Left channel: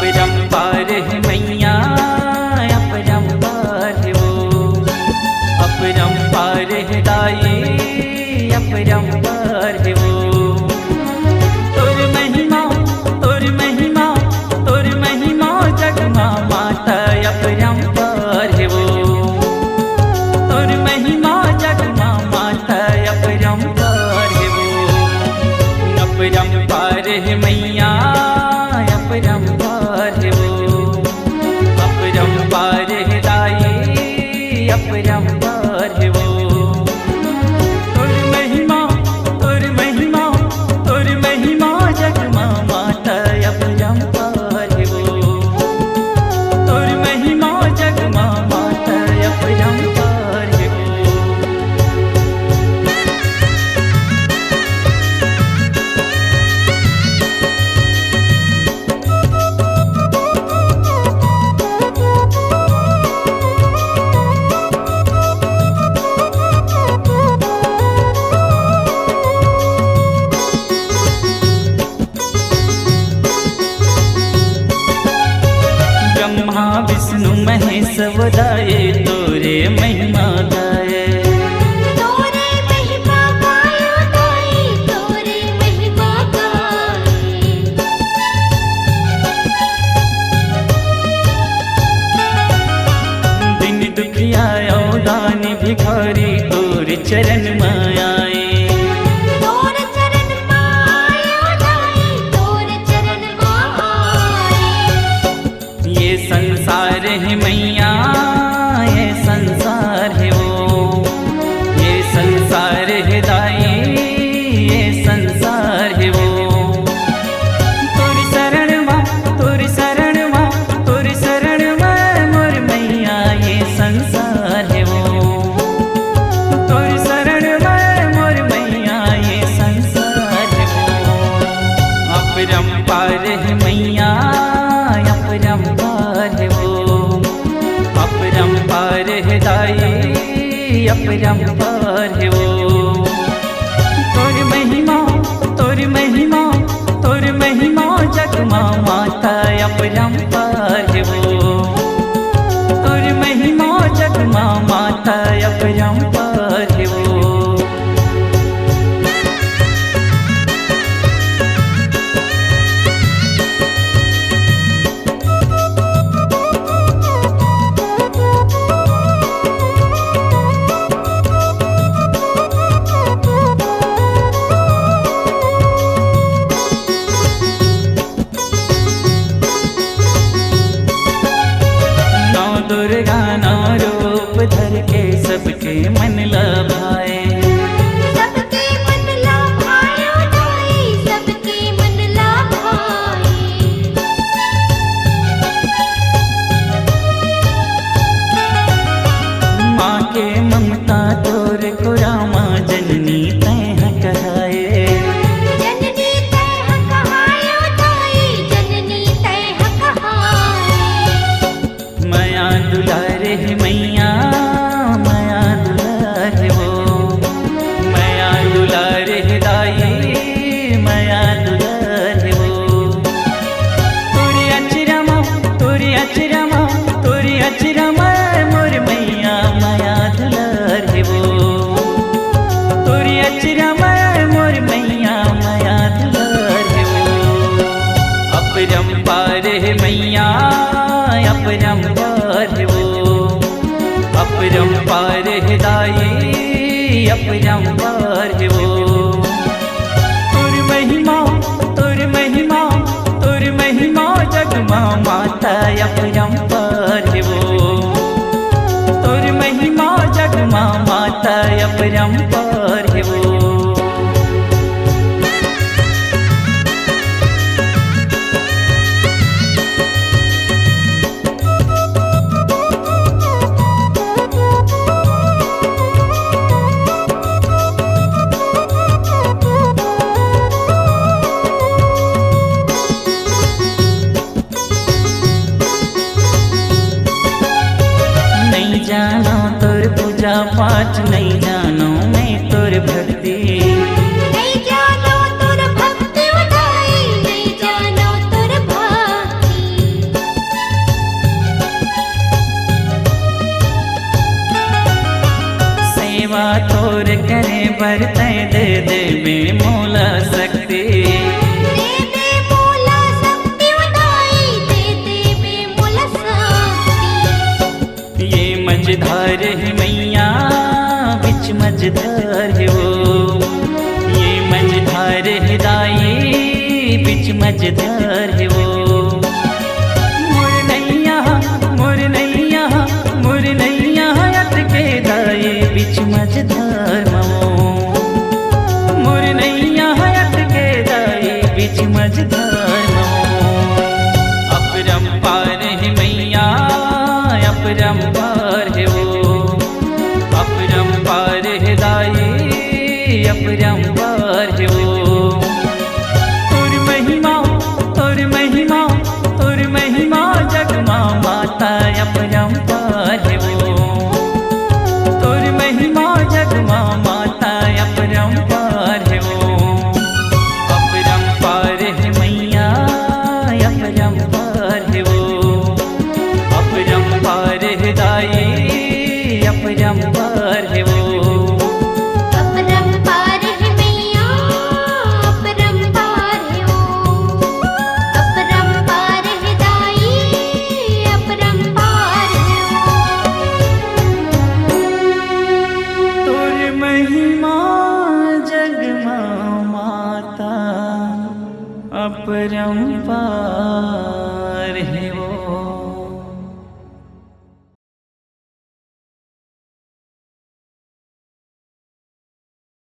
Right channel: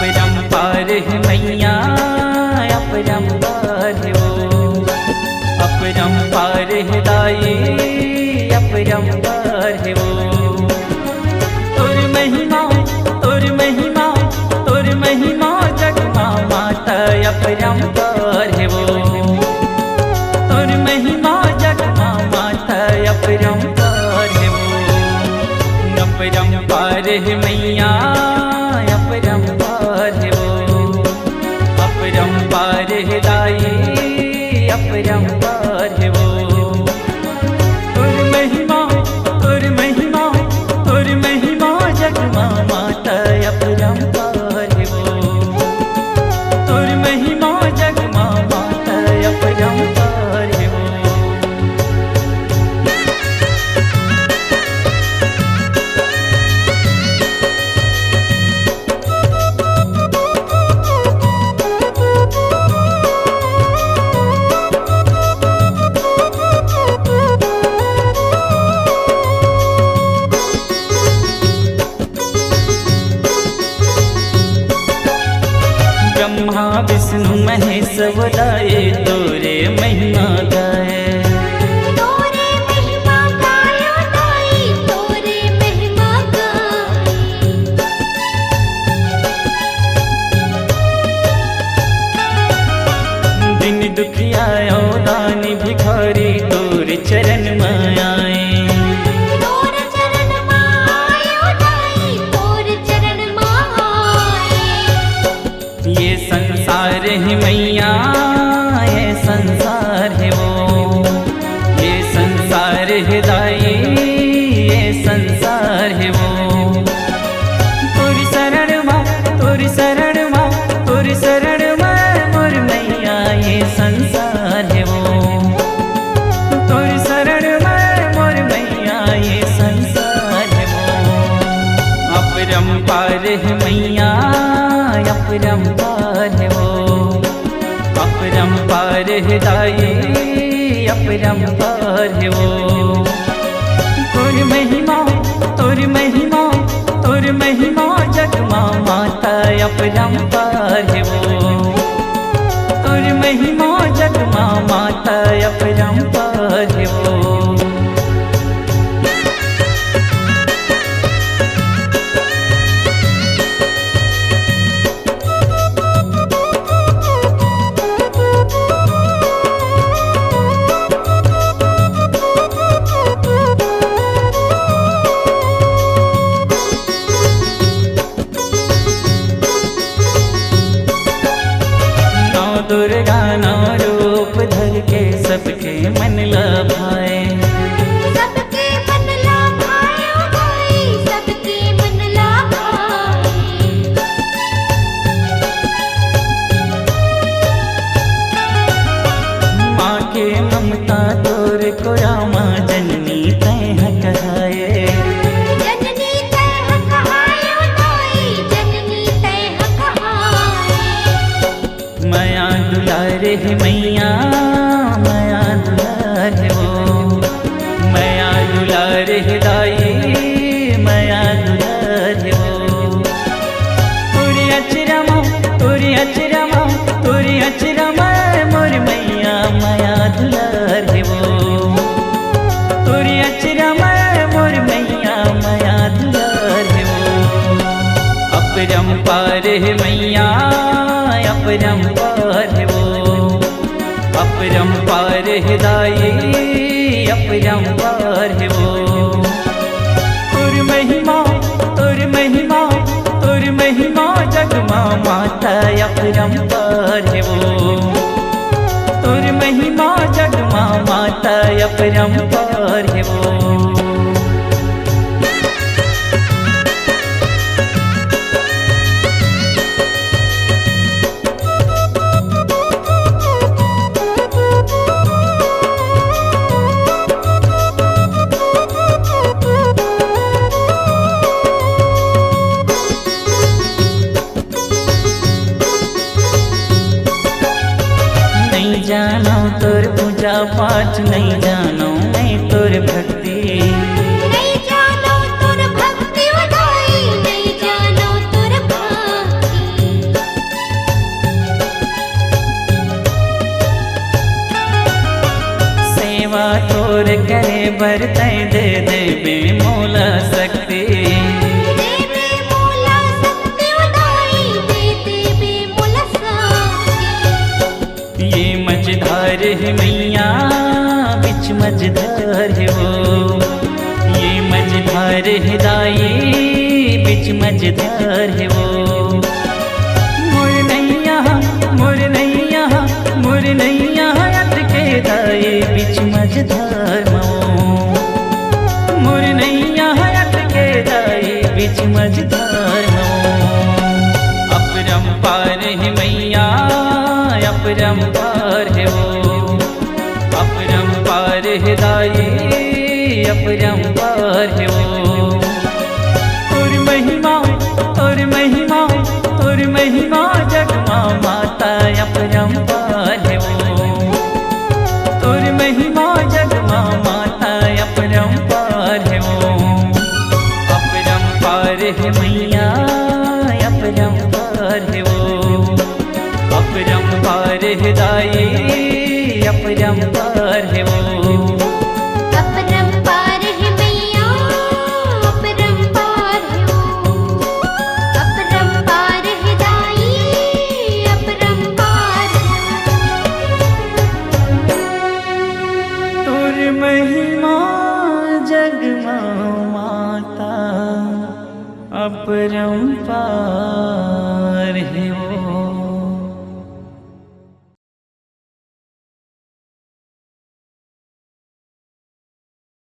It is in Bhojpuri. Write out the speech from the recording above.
अपरंपार है मैया, अपरंपार है वो, अपरंपार है दाई, अपरंपार है वो। तोर महिमा, तोर महिमा, तोर महिमा जगमा माता, अपरंपार है वो। तोर महिमा जगमा माता, अपरंपार है वो। अपरंपार है मैया, अपरंपार है वो, अपरंपार है दाई, अपरंपार है वो। तोर महिमा, तोर महिमा, तोर महिमा जगमा माता, अपरंपार है वो। तोर महिमा जगमा माता, अपरंपार है वो। ब्रह्मा विष्णु महेश वदाये, तोरे महिमा गाए। तोरे महिमा गायो दाई, तोरे महिमा गाए। दिन दुखियायो दानी भिखारी, तोरे चरण में आए। तोरे चरण मायो दाई, तोरे चरण माए। ये संसार है मैया, ये संसार है वो, ये संसार है दाई, ये संसार है वो। तोरी शरण माँ, तोरी शरण माँ, तोरी शरण माँ मोर मैया, ये संसार है वो। तोरी शरण माँ मोर मैया, ये संसार है वो। अपरंपार है मैया, अपरंपार है वो, अपरंपार है दाई, अपरंपार है वो। तोर महिमा, तोर महिमा, तोर महिमा जगमा माता, अपरंपार है वो। तोर महिमा जगमा माता, अपरंपार है वो। नौ दुर्गा नौ रूप धर के, सबके मन लभाए। सबके मन लभायो दाई, सबके मन लभाए। माँ के ममता तोर को रामा, जननी तैह कहाए। जननी तैह कहायो दाई, जननी तैह कहाए। माया दुलार है मैया, माया दुलार है वो, माया दुलार है दाई, माया दुलार है वो। तोरी अचरमा, तोरी अचरमा, तोरी अचरमा मोर मैया, माया दुलार है वो। तोरी अचरमा मोर मैया, माया दुलार है वो। अपरंपार है मैया, अपरंपार है वो, अपरंपार है दाई, अपरंपार है वो। तोर महिमा, तोर महिमा, तोर महिमा जगमा माता, अपरंपार है वो। तोर महिमा जगमा माता, अपरंपार है वो। नहीं जानो तोर पूजा पाठ, नहीं जानो मैं तोर भक्ति। नहीं जानो तोर भक्ति उदाई, नहीं जानो तोर भक्ति। सेवा तोर करे बरतै दे देवे मोला शक्ति। देवे मूला शक्ति उदाई दे देवे मूला शक्ति। ये मझधार है मैया बिच मझधार है वो, ये मझधार है दाई बिच मझधार है वो। मोर नैया अटके दाई बिच मझधार मो। मोर नैया अटके दाई बिच मझधार मो। अपरंपार है मैया अपरंपार है वो, अपरंपार है दाई अपरंपार है वो। तोर महिमा तोर महिमा जगमा माता अपरंपार है वो। तोर महिमा जगमा माता अपरंपार है वो। अपरंपार है मैया अपरंपार है वो। अपरंपार है दाई अपरंपार है वो। अपरंपार है मैया अपरंपार है वो। अपरंपार है दाई अपरंपार है वो। तोर महिमा जगमा माता अपरंपार है वो।